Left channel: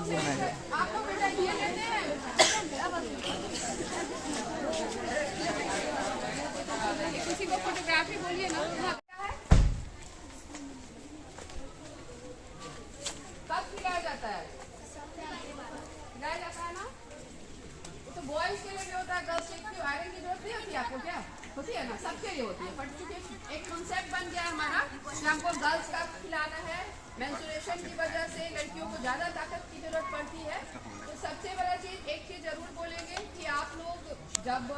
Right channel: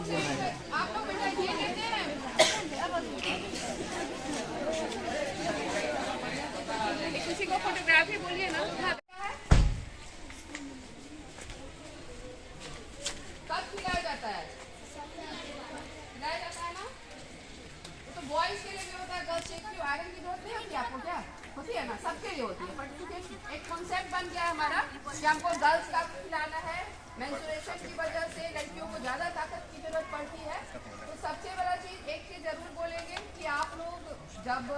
लोग बेटा ये लेते हैं। किसी को फोटोग्राफी बोलिए ना। कब खिलाया जाता है? खिलाया जाता है ना। तो बॉयज के लिए भी होता है, गर्ल्स की आयरन की जरूरत नहीं होती आपको? क्या होती है ना, सबके लिए होती है। बट चूंकि एक कॉन्सेप्ट बन गया है हमारा कि हमको गर्ल्स का खिलाना है, मेंस्ट्रुएशन की वजह से लड़कियों को ज्यादा ताकत की जरूरत पड़ती है। तो सबसे बड़ा चीज एक चीज जरूर बोलेंगे कि आप लोग जब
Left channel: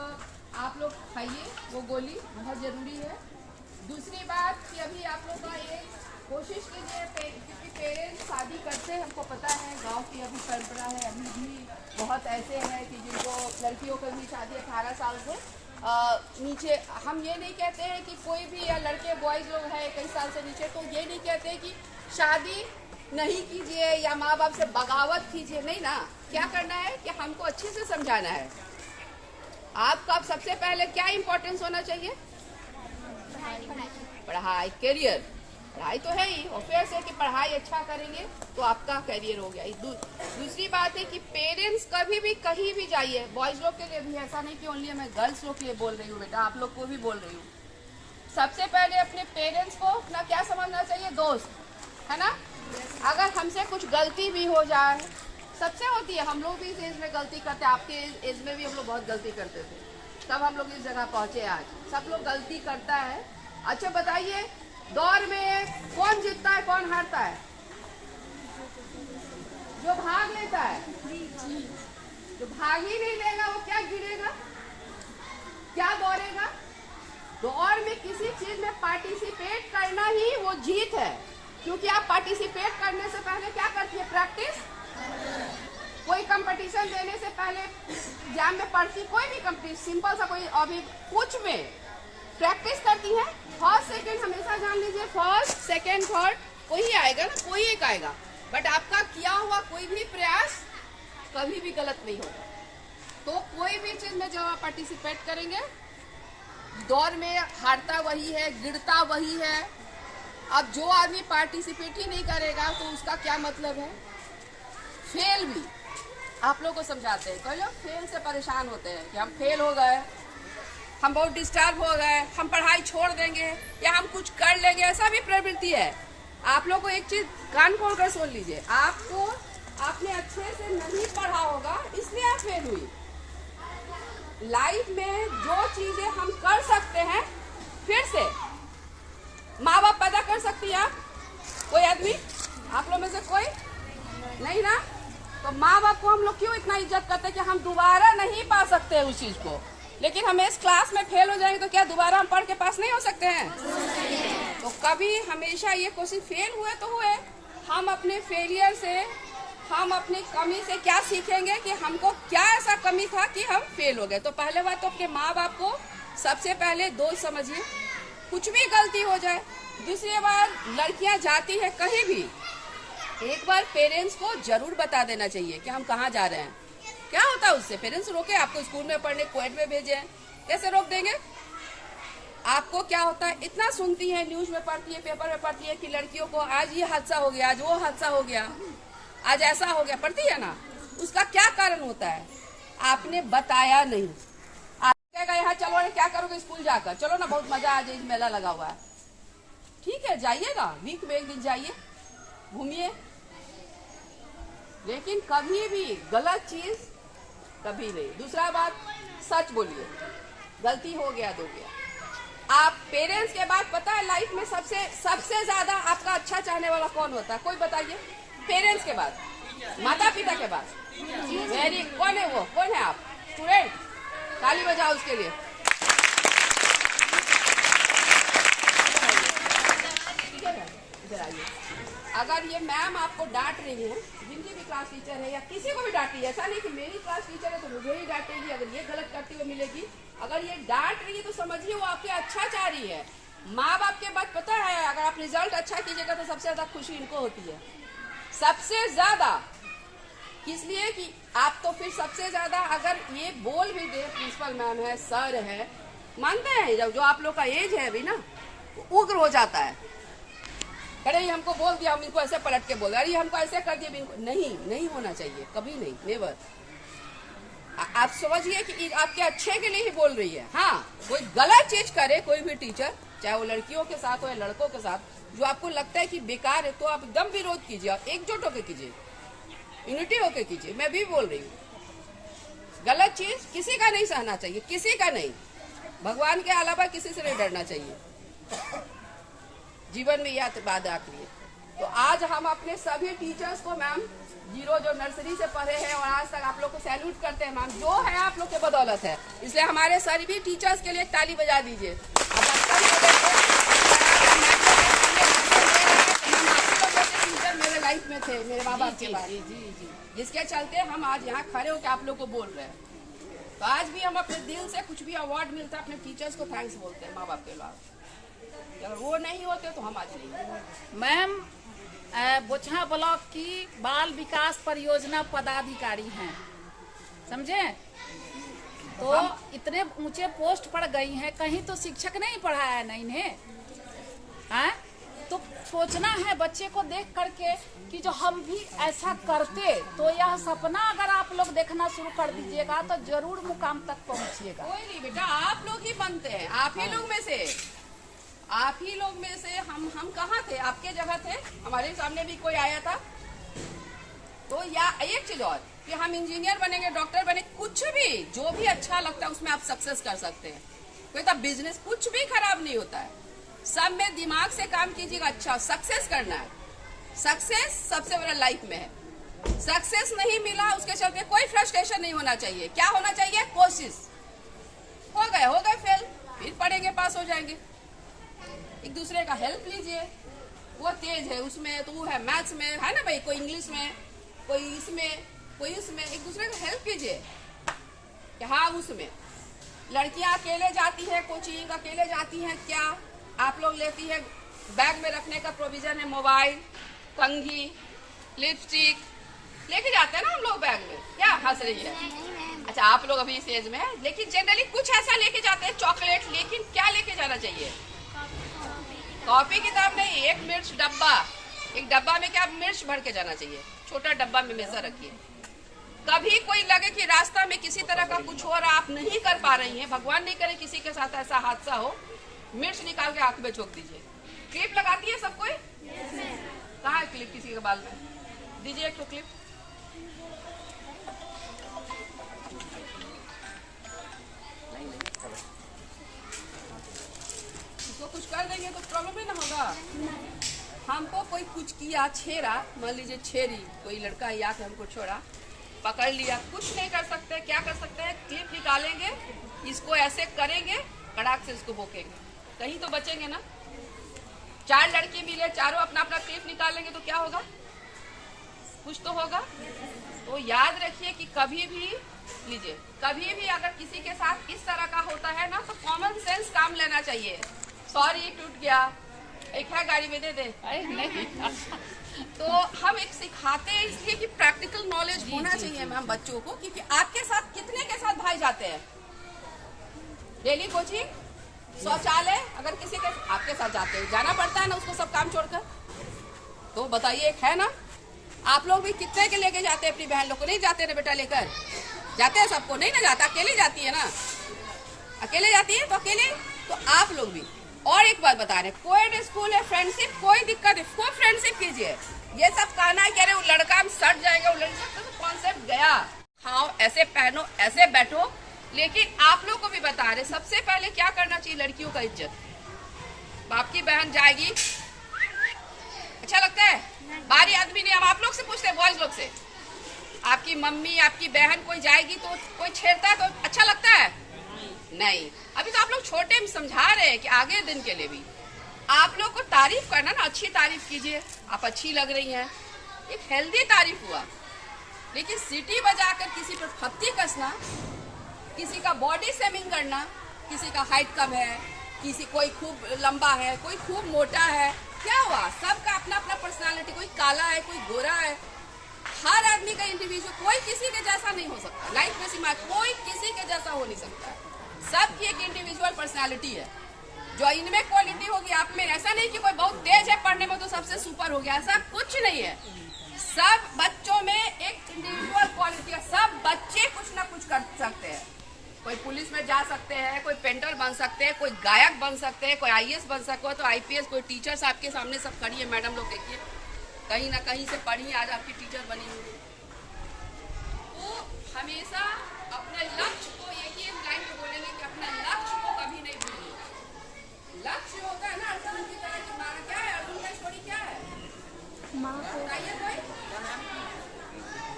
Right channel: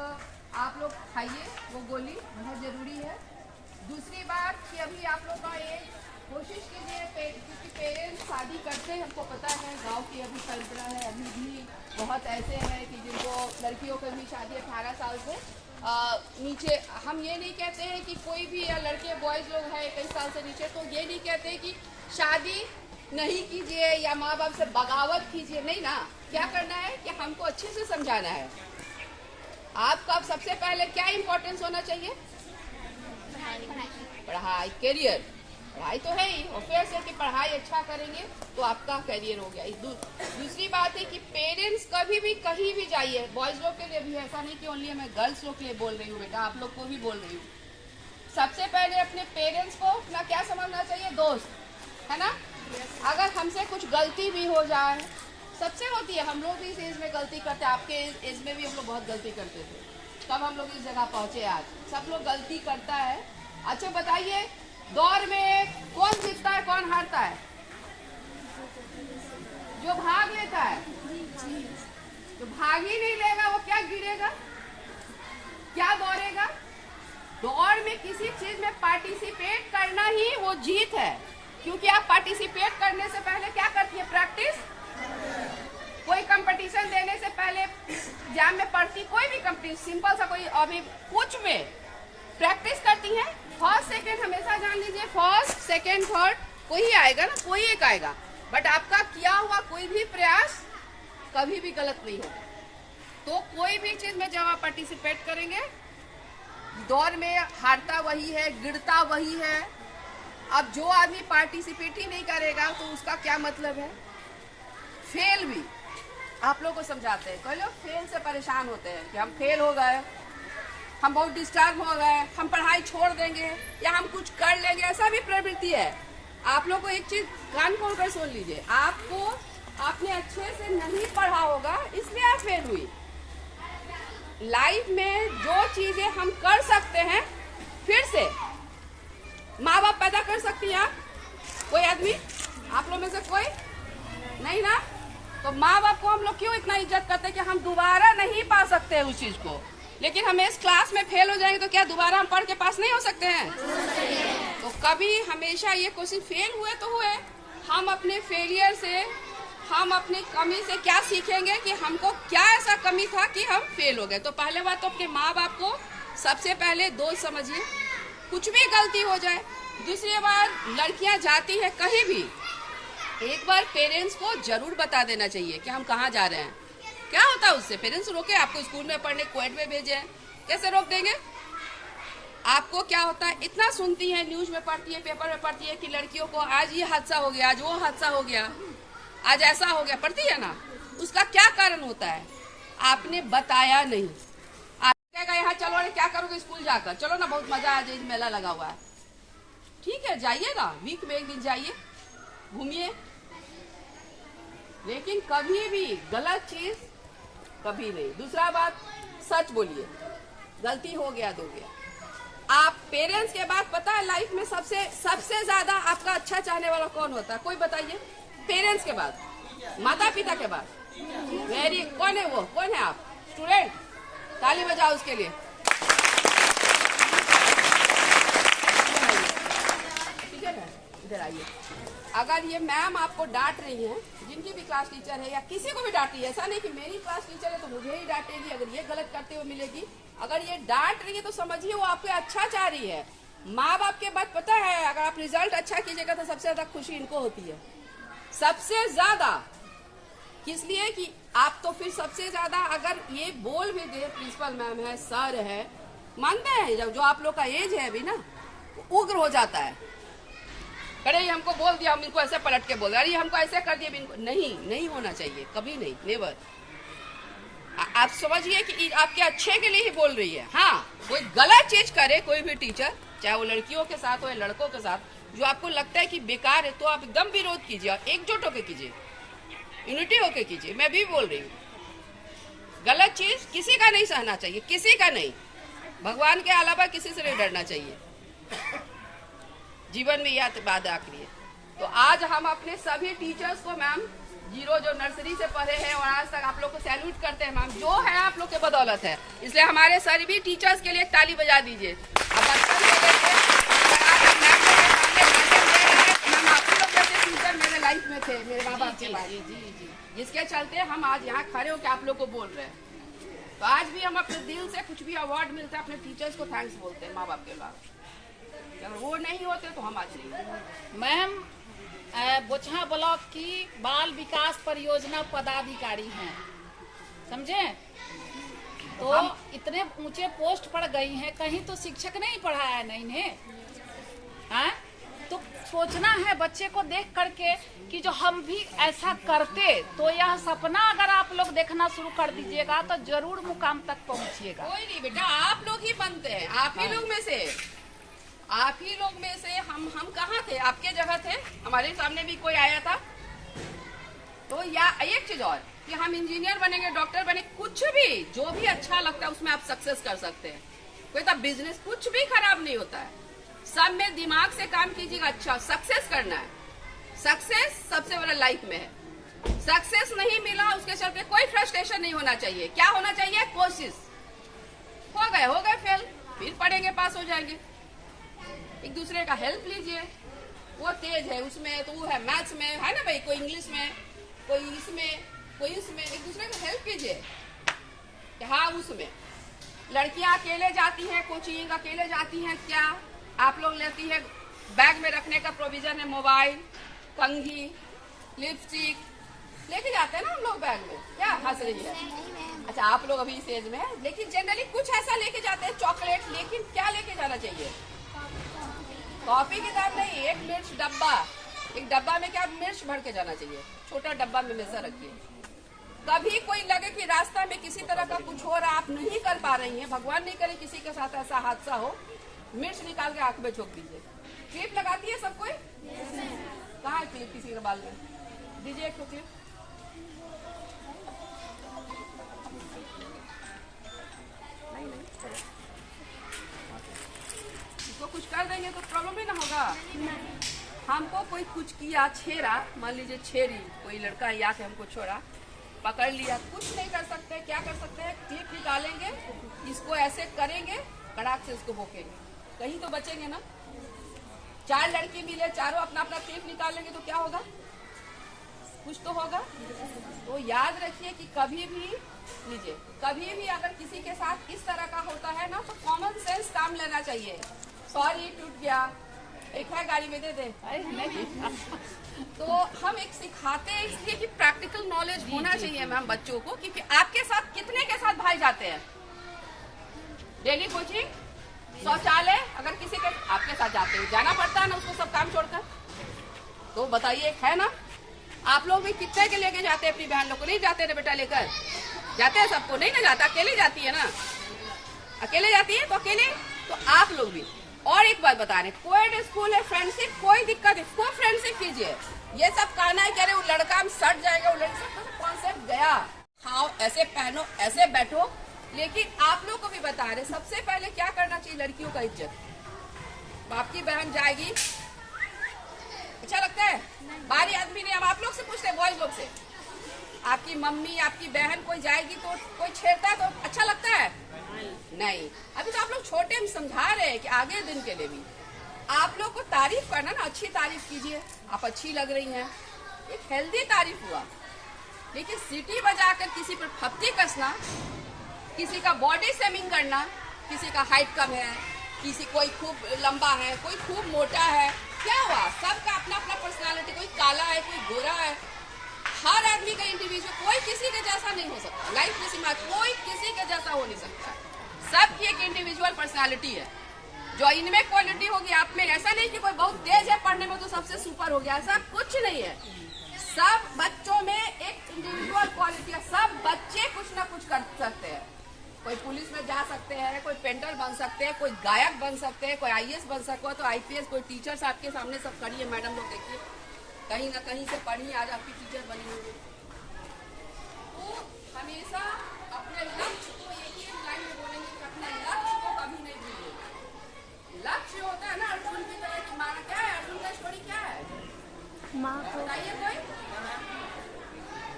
आप लोग खाइए वो गोली बहुत जरूरी है। दूसरी बात कि अभी आप लोग का ये कोशिश कीजिए, क्योंकि पेरेंट्स शादी करते हैं, हमको पता है गांव की अभी परंपरा है, अभी भी बहुत ऐसे हैं कि जिनको लड़कियों को भी शादी 18 साल से नीचे। हम ये नहीं कहते हैं कि कोई भी या लड़के बॉयज लोग हैं 21 साल से नीचे, तो ये नहीं कहते हैं कि शादी नहीं कीजिए या माँ बाप से बगावत कीजिए, नहीं ना। क्या करना है कि हमको अच्छे से समझाना है। आपका अब सबसे पहले क्या इम्पोर्टेंस होना चाहिए? पढ़ाई, करियर। पढ़ाई तो है ही, ऑब्वियस है कि पढ़ाई अच्छा करेंगे तो आपका करियर हो गया। दूसरी बात है कि पेरेंट्स कभी भी कहीं भी जाइए, बॉयज लोग के लिए भी, ऐसा नहीं कि ओनली मैं गर्ल्स लोग के लिए बोल रही हूँ बेटा, आप लोग को भी बोल रही हूँ। सबसे पहले अपने पेरेंट्स को अपना क्या समझना चाहिए? दोस्त, है ना। अगर हमसे कुछ गलती भी हो जाए, सबसे होती है, हम लोग भी इस एज में गलती करते हैं, आपके एज में भी हम लोग बहुत गलती करते थे, तब हम लोग इस जगह पहुंचे। आज सब लोग गलती करता है। अच्छा बताइए, दौड़ में कौन जीतता है, कौन हारता है? जो भाग लेता है। जो भाग ही नहीं लेगा वो क्या गिरेगा, क्या दौड़ेगा? दौड़ में किसी चीज में पार्टिसिपेट करना ही वो जीत है, क्योंकि आप पार्टिसिपेट करने से पहले क्या करती है? प्रैक्टिस। कोई कंपटीशन देने से पहले एग्जाम में पढ़ती, कोई भी कंपटीशन, सिंपल सा कोई अभी कुछ में प्रैक्टिस करती है। फर्स्ट सेकंड हमेशा जान लीजिए, फर्स्ट सेकंड थर्ड कोई आएगा ना, कोई एक आएगा। बट आपका किया हुआ कोई भी प्रयास कभी भी गलत नहीं होगा। तो कोई भी चीज में जब आप पार्टिसिपेट करेंगे, दौड़ में हारता वही है, गिरता वही है। अब जो आदमी पार्टिसिपेट ही नहीं करेगा तो उसका क्या मतलब है? फेल भी। आप लोग को समझाते हैं, कई लोग फेल से परेशान होते हैं कि हम फेल हो गए, हम बहुत डिस्टर्ब हो गए, हम पढ़ाई छोड़ देंगे या हम कुछ कर लेंगे, ऐसा भी प्रवृत्ति है। आप लोग को एक चीज कान खोल कर सुन लीजिए, आपको आपने अच्छे से नहीं पढ़ा होगा इसलिए आप फेल हुई। लाइफ में जो चीजें हम कर सकते हैं, फिर से माँ बाप पैदा कर सकती है कोई आदमी? आप लोग में से कोई नहीं ना। तो माँ बाप को हम लोग क्यों इतना इज्जत करते हैं कि हम दोबारा नहीं पा सकते उस चीज को। लेकिन हम इस क्लास में फेल हो जाएंगे तो क्या दोबारा हम पढ़ के पास नहीं हो सकते हैं? तो कभी हमेशा ये कोशिश, फेल हुए तो हुए, हम अपने फेलियर से, हम अपनी कमी से क्या सीखेंगे कि हमको क्या ऐसा कमी था कि हम फेल हो गए। तो पहले बात तो अपने माँ बाप को सबसे पहले दोस्त समझिए, कुछ भी गलती हो जाए। दूसरी बार लड़कियां जाती है कहीं भी, एक बार पेरेंट्स को जरूर बता देना चाहिए कि हम कहाँ जा रहे हैं। क्या होता है उससे? पेरेंट्स रोके आपको स्कूल में पढ़ने, क्वेट में भेजे, कैसे रोक देंगे? आपको क्या होता है, इतना सुनती है, न्यूज में पढ़ती है, पेपर में पढ़ती है कि लड़कियों को आज ये हादसा हो गया, आज वो हादसा हो गया, आज ऐसा हो गया, पढ़ती है ना। उसका क्या कारण होता है? आपने बताया नहीं। आप कहेगा यहाँ चलो, क्या करोगे स्कूल जाकर? चलो ना, बहुत मजा आ जाए, मेला लगा हुआ है। ठीक है, जाइए ना, वीक में एक दिन जाइए, घूमिए, लेकिन कभी भी गलत चीज कभी नहीं। दूसरा बात, सच बोलिए, गलती हो गया तो गया। आप पेरेंट्स के बाद पता है लाइफ में सबसे ज्यादा आपका अच्छा चाहने वाला कौन होता है? कोई बताइए। पेरेंट्स के बाद, माता पिता के बाद वेरी, कौन है वो? कौन है आप? स्टूडेंट, ताली बजाओ उसके लिए। ठीक है, इधर आइए। अगर ये मैम आपको डांट रही है, जिनकी भी क्लास टीचर है या किसी को भी डांट रही है, ऐसा नहीं कि मेरी क्लास टीचर है तो मुझे ही डांटेगी, अगर ये गलत करते हुए मिलेगी। अगर ये डांट रही है तो समझिए वो आपके अच्छा चाह रही है। माँ बाप के बाद पता है, अगर आप रिजल्ट अच्छा कीजिएगा तो सबसे ज्यादा खुशी इनको होती है, सबसे ज्यादा। किस लिए कि आप तो फिर सबसे ज्यादा अगर ये बोल भी दे, प्रिंसिपल मैम है, सर है, मानते हैं जब जो आप लोग का एज है अभी ना, उग्र हो जाता है। खड़े ही हमको बोल दिया, हम इनको ऐसे पलट के बोल दिया, अरे हमको ऐसे कर दिया इनको। नहीं होना चाहिए, कभी नहीं, नेवर। आप समझिए कि आपके अच्छे के लिए ही बोल रही है। हाँ, कोई गलत चीज करे कोई भी टीचर, चाहे वो लड़कियों के साथ हो या लड़कों के साथ, जो आपको लगता है कि बेकार है, तो आप एकदम विरोध कीजिए और एकजुट होकर कीजिए, यूनिटी होकर कीजिए। मैं भी बोल रही हूँ, गलत चीज किसी का नहीं सहना चाहिए, किसी का नहीं, भगवान के अलावा किसी से नहीं डरना चाहिए। जीवन में यह बात आखिरी है। तो आज हम अपने सभी टीचर्स को मैम, जीरो जो नर्सरी से पढ़े हैं और आज तक आप लोग को सैल्यूट करते हैं मैम, जो है आप लोग के बदौलत है। इसलिए हमारे सभी टीचर्स के लिए एक ताली बजा दीजिए। अब बचपन से लेके आज हम मैम लोग के सामने भाषण दे रहे हैं, तो मैम आप लोग जैसे टीचर मेरे लाइफ में थे, मेरे माँ बाप के बाद, जिसके चलते हम आज यहाँ खड़े होकर आप लोग को बोल रहे हैं। तो आज भी हम अपने दिल से कुछ भी अवार्ड मिलता है अपने टीचर्स को थैंक्स बोलते हैं, माँ बाप के अलावा। अगर वो नहीं होते तो हम आज नहीं। मैम बोचहा ब्लॉक की बाल विकास परियोजना पदाधिकारी हैं, समझे? तो इतने ऊंचे पोस्ट पर गई हैं, कहीं तो शिक्षक नहीं पढ़ाया ना इन्हें, हैं? तो सोचना है बच्चे को देख करके कि जो हम भी ऐसा करते, तो यह सपना अगर आप लोग देखना शुरू कर दीजिएगा तो जरूर मुकाम तक पहुंचिएगा। कोई नहीं बेटा, आप लोग ही बनते हैं, आप ही लोग में से, आप ही लोग में से। हम कहाँ थे? आपके जगह थे, हमारे सामने भी कोई आया था तो, या एक चीज और कि हम इंजीनियर बनेंगे, डॉक्टर बने, कुछ भी जो भी अच्छा लगता है उसमें आप सक्सेस कर सकते हैं। कोई तो बिजनेस कुछ भी खराब नहीं होता है, सब में दिमाग से काम कीजिएगा, अच्छा सक्सेस करना है। सक्सेस सबसे बड़ा लाइफ में है। सक्सेस नहीं मिला उसके चलते कोई फ्रस्ट्रेशन नहीं होना चाहिए। क्या होना चाहिए? कोशिश। हो गए फेल, फिर पढ़ेंगे, पास हो जाएंगे। एक दूसरे का हेल्प लीजिए, वो तेज है उसमें तो वो है मैथ्स में, है ना भाई, कोई इंग्लिश में, कोई इसमें, कोई उसमें, एक दूसरे को हेल्प कीजिए। हाँ, उसमें लड़कियां अकेले जाती है कोचिंग, अकेले जाती हैं, क्या आप लोग लेती है? बैग में रखने का प्रोविजन है, मोबाइल, कंघी, लिपस्टिक लेके जाते हैं ना हम लोग बैग में। क्या हंस रही है? अच्छा, आप लोग अभी इस एज में है, लेकिन जनरली कुछ ऐसा लेके जाते हैं, चॉकलेट। लेकिन क्या लेके जाना चाहिए? कॉपी किताब नहीं, एक मिर्च डब्बा, एक डब्बा में क्या मिर्च भर के जाना चाहिए, छोटा डब्बा में हमेशा रखिए। कभी कोई लगे कि रास्ता में किसी तरह का कुछ हो रहा, आप नहीं कर पा रही हैं, भगवान नहीं करे किसी के साथ ऐसा हादसा हो, मिर्च निकाल के आंख में झोंक दीजिए। क्लिप लगाती है सब कोई? कहाँ है क्लिप किसी के बाल में? दीजिए एक तो क्लिप। इसको कुछ कर देंगे तो प्रॉब्लम ही ना होगा। हमको कोई कुछ किया, छेड़ा, मान लीजिए छेड़ी, कोई लड़का या के हमको छोड़ा, पकड़ लिया, कुछ नहीं कर सकते। क्या कर सकते हैं? क्लिप निकालेंगे, इसको ऐसे करेंगे, कड़ाक से इसको भोंकेंगे, कहीं तो बचेंगे ना। 4 लड़की मिले, चारों अपना अपना क्लिप निकालेंगे तो क्या होगा? कुछ तो होगा। तो याद रखिए कि कभी भी लीजिए, कभी भी अगर किसी के साथ इस तरह का होता है ना, तो कॉमन सेंस काम लेना चाहिए। सॉरी टूट गया, एक है गाड़ी में, दे दे, नहीं। तो हम एक सिखाते हैं इसलिए कि प्रैक्टिकल नॉलेज होना चाहिए मैम बच्चों को, क्योंकि आपके साथ कितने के साथ भाई जाते हैं डेली कोचिंग, शौचालय, अगर किसी के आपके साथ जाते हो, जाना पड़ता है ना उसको सब काम छोड़कर। तो बताइए, एक है ना? आप लोग भी कितने के लेके जाते हैं अपनी बहन लोग को? नहीं जाते ना बेटा, लेकर जाते हैं सबको? नहीं ना जाता, अकेले जाती है ना, अकेले जाती है तो अकेले। तो आप लोग भी। और एक बात बता रहे, कोई स्कूल है, फ्रेंडशिप, कोई दिक्कत है, खूब फ्रेंडशिप कीजिए। ये सब कहना है कि अरे वो लड़का हम सट जाएगा, वो लड़का तो कॉन्सेप्ट गया। खाओ, ऐसे पहनो, ऐसे बैठो। लेकिन आप लोग को भी बता रहे, सबसे पहले क्या करना चाहिए? लड़कियों का इज्जत। बाप की बहन जाएगी, अच्छा लगता है? बाहरी आदमी नहीं, हम आप लोग से पूछते हैं, बॉयज लोग से, आपकी मम्मी, आपकी बहन कोई जाएगी तो कोई छेड़ता है तो अच्छा लगता है? नहीं। अभी तो आप लोग छोटे, हम समझा रहे हैं कि आगे दिन के लिए भी आप लोग को तारीफ करना ना, अच्छी तारीफ कीजिए, आप अच्छी लग रही हैं, एक हेल्दी तारीफ हुआ। लेकिन सीटी बजाकर किसी पर फप्ती कसना, किसी का बॉडी शेमिंग करना, किसी का हाइट कम है, किसी कोई खूब लंबा है, कोई खूब मोटा है, क्या हुआ? सबका अपना अपना पर्सनालिटी, कोई काला है, कोई गोरा है, हर आदमी का इंडिविजुअल, कोई किसी के जैसा नहीं हो सकता। लाइफ में सीमा, कोई किसी के जैसा हो नहीं सकता। सबकी एक इंडिविजुअल पर्सनालिटी है, जो इनमें क्वालिटी होगी आप में। ऐसा नहीं कि कोई बहुत तेज है पढ़ने में तो सबसे पर हो गया, ऐसा कुछ नहीं है। सब बच्चों में एक इंडिविजुअल क्वालिटी है, सब बच्चे कुछ ना कुछ कर सकते हैं। कोई पुलिस में जा सकते हैं, कोई पेंटर बन सकते हैं, कोई गायक बन सकते हैं, कोई आईएएस बन सकता है, तो आईपीएस, कोई टीचर्स आपके सामने सब खड़ी है। मैडम लोग देखिए, कहीं ना कहीं से पढ़ी आज आपकी टीचर बनी हुई। तो हमेशा अपने लक्ष्य को एक ही लाइन में बोलेंगे कि अपने लक्ष्य को कभी नहीं भूलिएगा। लक्ष्य होता है ना अर्जुन की तरह की। माना क्या है अर्जुन का स्टोरी, क्या है बताइए कोई,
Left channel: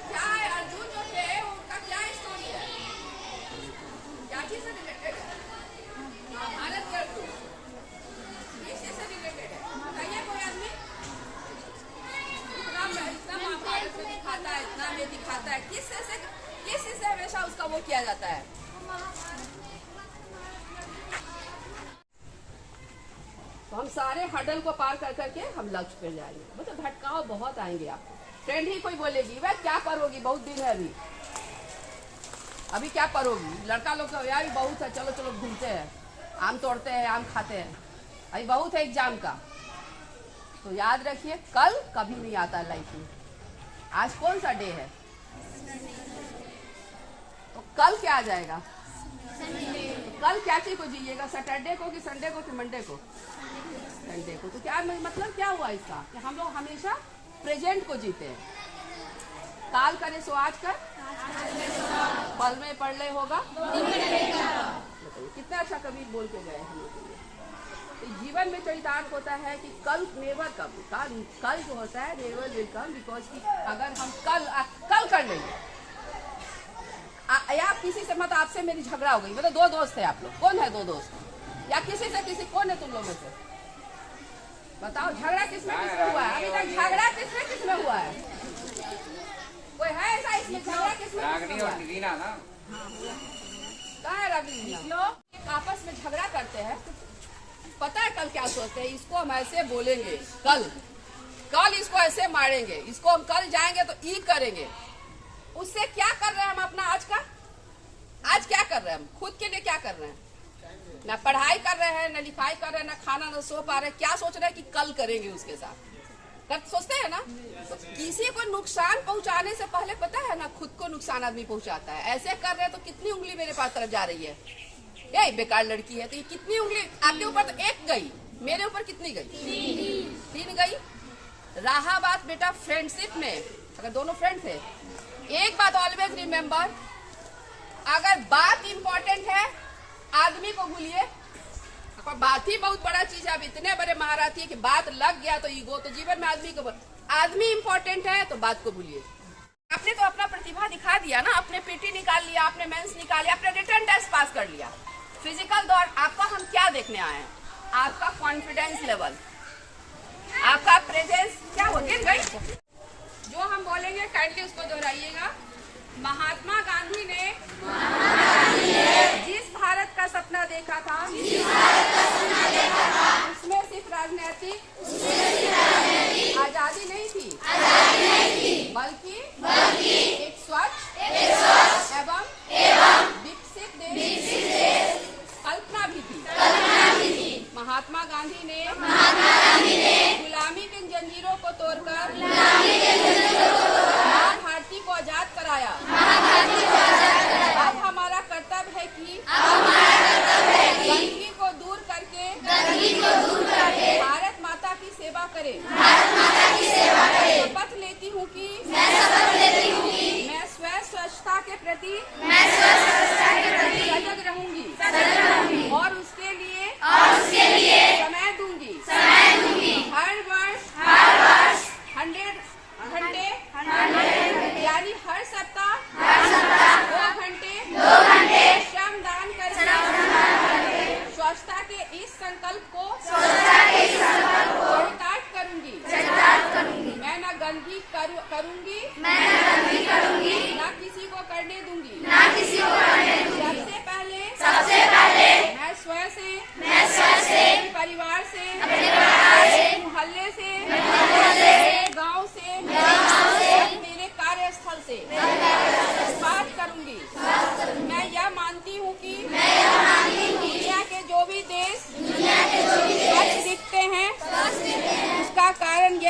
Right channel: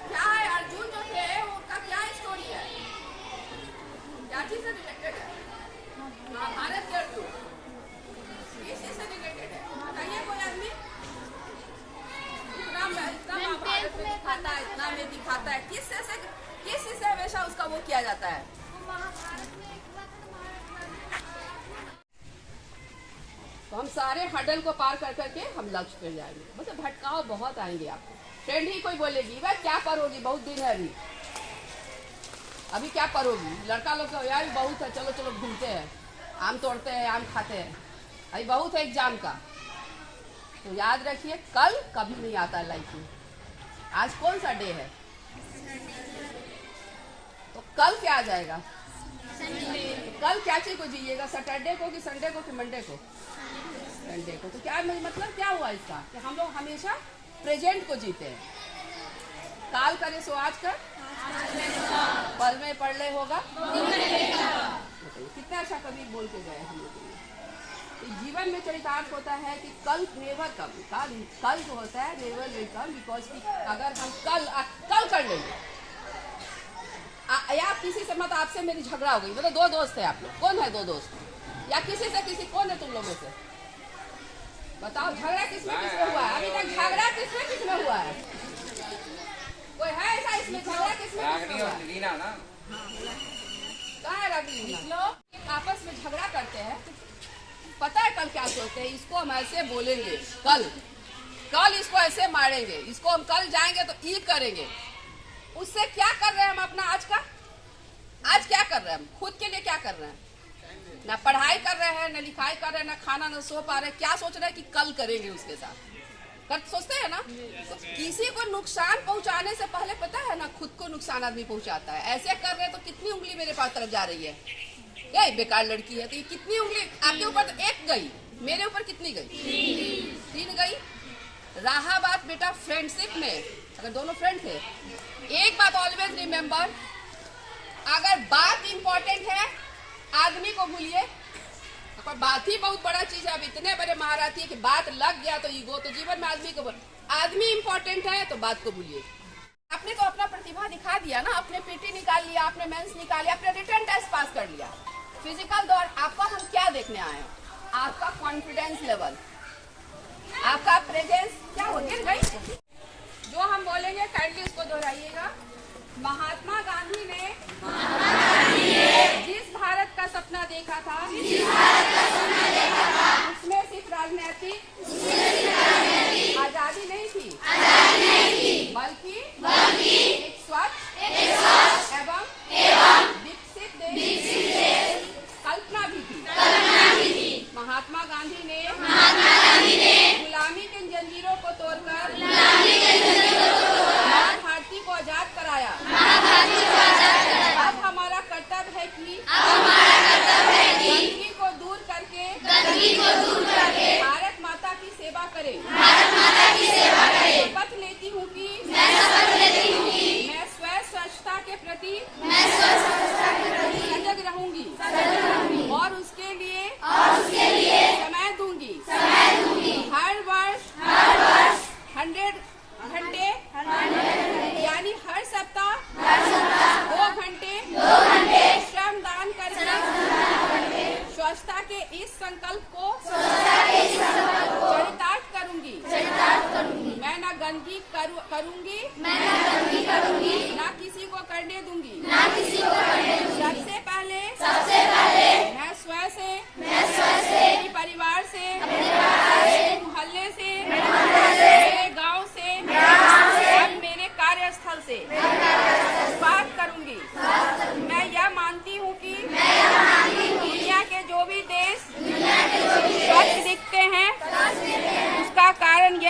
क्या है अर्जुन जो थे उनका क्या स्टोरी है, क्या चीज से रिलेटेड है? महाभारत के अर्जुन किस चीज से रिलेटेड है बताइए कोई आदमी? इतना महाभारत में दिखाता है, इतना में दिखाता है, किस चीज से हमेशा उसका वो किया जाता है? तो हम सारे हडल को पार कर करके हम लक्ष्य पे जाएंगे। मतलब भटकाव बहुत आएंगे आपको। फ्रेंड ही कोई बोलेगी वह क्या पढ़ोगी, बहुत दिन है अभी क्या पढ़ोगी? लड़का लोग का यार बहुत है, चलो चलो घूमते हैं, आम तोड़ते हैं, आम खाते हैं, अभी बहुत है एग्जाम का। तो याद रखिए कल कभी नहीं आता है लाइफ में। आज कौन सा डे है? तो कल क्या आ जाएगा? कल क्या चीज को जिएगा? सैटरडे को कि संडे को कि मंडे को? संडे को। तो क्या मतलब क्या हुआ इसका कि हम लोग हमेशा प्रेजेंट को जीते हैं। काल करे सो आज कर, पल में पढ़ ले होगा। कितना अच्छा कभी बोल के गए हम लोग। तो जीवन में चरितार्थ होता है कि कल नेवर कम, कल जो होता है नेवर विल कम, बिकॉज कि अगर हम कल कर लेंगे या किसी से, मतलब आपसे मेरी झगड़ा हो गई, मतलब दो दोस्त है आप लोग, कौन है दो दोस्त? या किसी से किसी, कौन है तुम लोग में से? बताओ झगड़ा किसमें हुआ है? अभी तक झगड़ा किसमें हुआ है? कोई है ऐसा इसमें झगड़ा किसमें हुआ है? कहाँ है रागनी? लोग आपस में झगड़ा करते हैं, पता है कल क्या सोचते हैं? इसको हम ऐसे बोलेंगे, कल इसको ऐसे मारेंगे, इसको हम कल जाएंगे तो ई करेंगे। उससे क्या कर रहे हैं हम अपना आज क्या कर रहे हैं? हम खुद के लिए क्या कर रहे हैं? ना पढ़ाई कर रहे हैं, ना लिखाई कर रहे हैं, ना खाना, ना सो पा रहे हैं। क्या सोच रहे हैं कि कल करेंगे उसके साथ? सोचते हैं ना। तो किसी को नुकसान पहुंचाने से पहले पता है ना खुद को नुकसान आदमी पहुंचाता है। ऐसे कर रहे हैं तो कितनी उंगली मेरे पास तरफ जा रही है? ये बेकार लड़की है, तो ये कितनी उंगली आपके ऊपर? तो एक गई, मेरे ऊपर कितनी गई? 3 गई। रहा बात बेटा फ्रेंडशिप में, अगर दोनों फ्रेंड थे, एक बात ऑलवेज रिमेम्बर, अगर बात इंपॉर्टेंट है आदमी को भूलिए। पर बात ही बहुत बड़ा चीज है। अब इतने बड़े महारथी है कि बात लग गया तो ईगो। तो जीवन में आदमी इंपॉर्टेंट है तो बात को भूलिए। आपने तो अपना प्रतिभा दिखा दिया ना, अपने पीटी निकाल लिया, आपने मेंस निकाल लिया, आपने रिटर्न टेस्ट पास कर लिया। फिजिकल दौर आपका हम क्या देखने आए हैं? आपका कॉन्फिडेंस लेवल, आपका प्रेजेंस क्या हो गई? जो हम बोलेंगे काइंडली उसको दोहराइएगा। महात्मा गांधी ने जिस भारत का सपना देखा था, उसमें सिर्फ राजनीतिक आजादी नहीं थी, बल्कि एक स्वच्छ एवं विकसित देश कल्पना भी थी। महात्मा गांधी ने गुलामी की जंजीरों को तोड़कर माँ भारती को आजाद कराया। अब हमारा कर्तव्य है कि गंदगी को दूर करके भारत माता की सेवा करें। शपथ लेती हूँ कि मैं स्वयं स्वच्छता के प्रति सजग रहूंगी और उसके लिए समय दूंगी। हर वर्ष 100 घंटे यानी हर सप्ताह 2 घंटे श्रमदान करें। स्वच्छता के इस संकल्प को चरितार्थ करूंगी।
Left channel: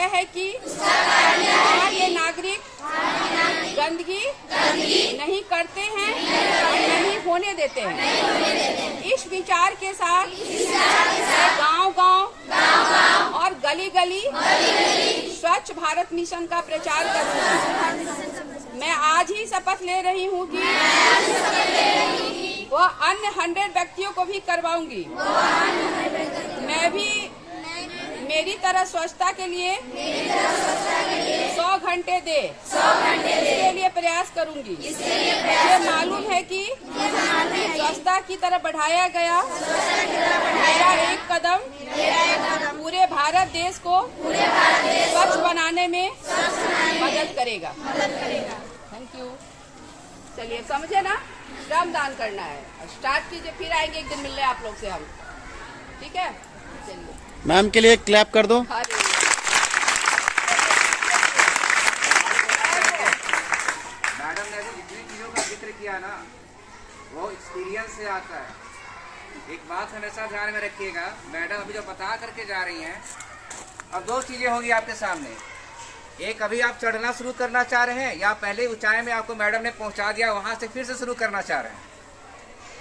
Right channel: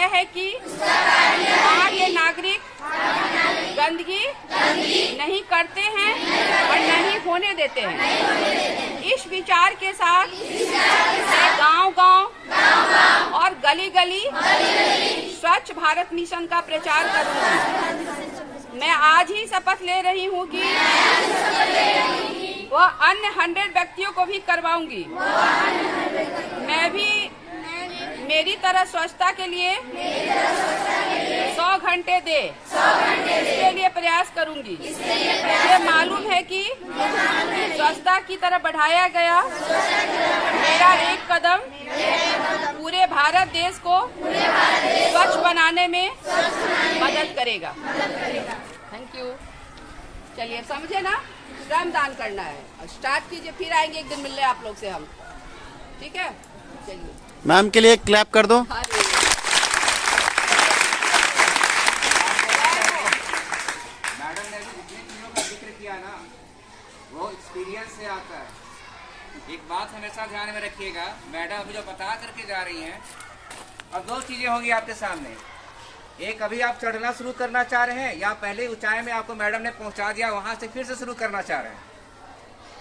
है कि वहाँ के नागरिक गंदगी नहीं करते हैं और नहीं होने देते हैं। इस विचार के साथ मैं गांव-गांव और गली-गली स्वच्छ भारत मिशन का प्रचार करूंगी। मैं आज ही शपथ ले रही हूं कि वह अन्य 100 व्यक्तियों को भी करवाऊंगी। मैं भी मेरी तरह स्वच्छता के लिए 100 घंटे दे इसके लिए प्रयास करूंगी। मुझे मालूम है कि स्वच्छता की तरफ बढ़ाया गया मेरा एक कदम पूरे भारत देश को स्वच्छ बनाने में मदद करेगा। Thank you. चलिए समझे ना, श्रमदान करना है और स्टार्ट कीजिए, फिर आएंगे एक दिन मिलने आप लोग से हम, ठीक है। चलिए मैम के लिए क्लैप कर दो। मैडम ने जितनी चीजों का जिक्र किया ना, वो एक्सपीरियंस से आता है। एक बात हमेशा ध्यान में रखिएगा, मैडम अभी जो बता करके जा रही हैं, अब दो चीजें होंगी आपके सामने। एक, अभी आप चढ़ना शुरू करना चाह रहे हैं या पहले ऊंचाई में आपको मैडम ने पहुंचा दिया, वहां से फिर से शुरू करना चाह रहे हैं।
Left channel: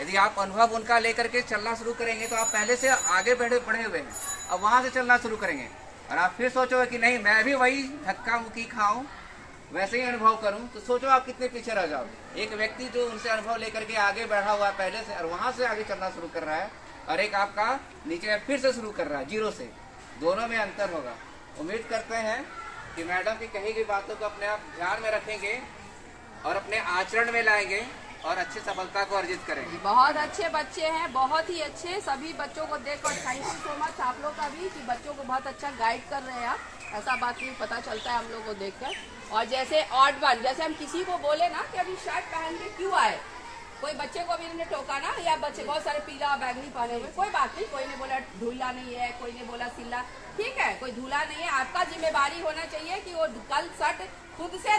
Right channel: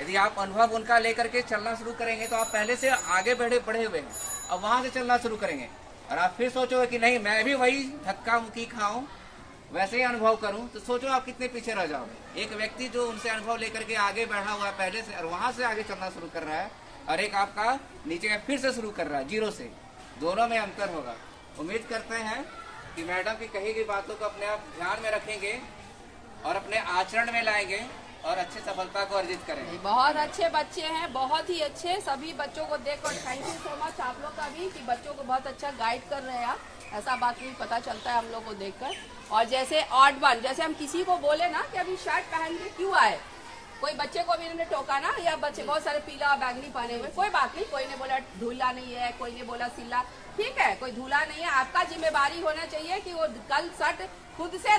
यदि आप अनुभव उनका लेकर के चलना शुरू करेंगे तो आप पहले से आगे बढ़े हुए हैं, अब वहां से चलना शुरू करेंगे और आप फिर सोचोगे कि नहीं मैं भी वही धक्का मुक्की खाऊं, वैसे ही अनुभव करूं, तो सोचो आप कितने पीछे रह जाओगे। एक व्यक्ति जो उनसे अनुभव लेकर के आगे बढ़ा हुआ है पहले से और वहां से आगे चलना शुरू कर रहा है, और एक आपका नीचे फिर से शुरू कर रहा है जीरो से, दोनों में अंतर होगा। उम्मीद करते हैं कि मैडम की कही गई बातों को अपने आप ध्यान में रखेंगे और अपने आचरण में लाएंगे और अच्छी सफलता को अर्जित करेंगे। बहुत अच्छे बच्चे हैं, बहुत ही अच्छे। सभी बच्चों को देखकर थैंक यू सो मच आप लोग का भी कि बच्चों को बहुत अच्छा गाइड कर रहे हैं आप। ऐसा बात नहीं पता चलता है हम लोग को देखकर। और जैसे ऑड वन, जैसे हम किसी को बोले ना कि अभी शर्ट पहन के क्यों आए, कोई बच्चे को भी इन्होंने टोका ना, या बच्चे बहुत सारे पीला बैगनी पहने हुए, कोई बात नहीं, कोई ने बोला धूला नहीं है, कोई ने बोला सिला, ठीक है, कोई धूला नहीं है। आपका जिम्मेवारी होना चाहिए कि वो कल शर्ट खुद से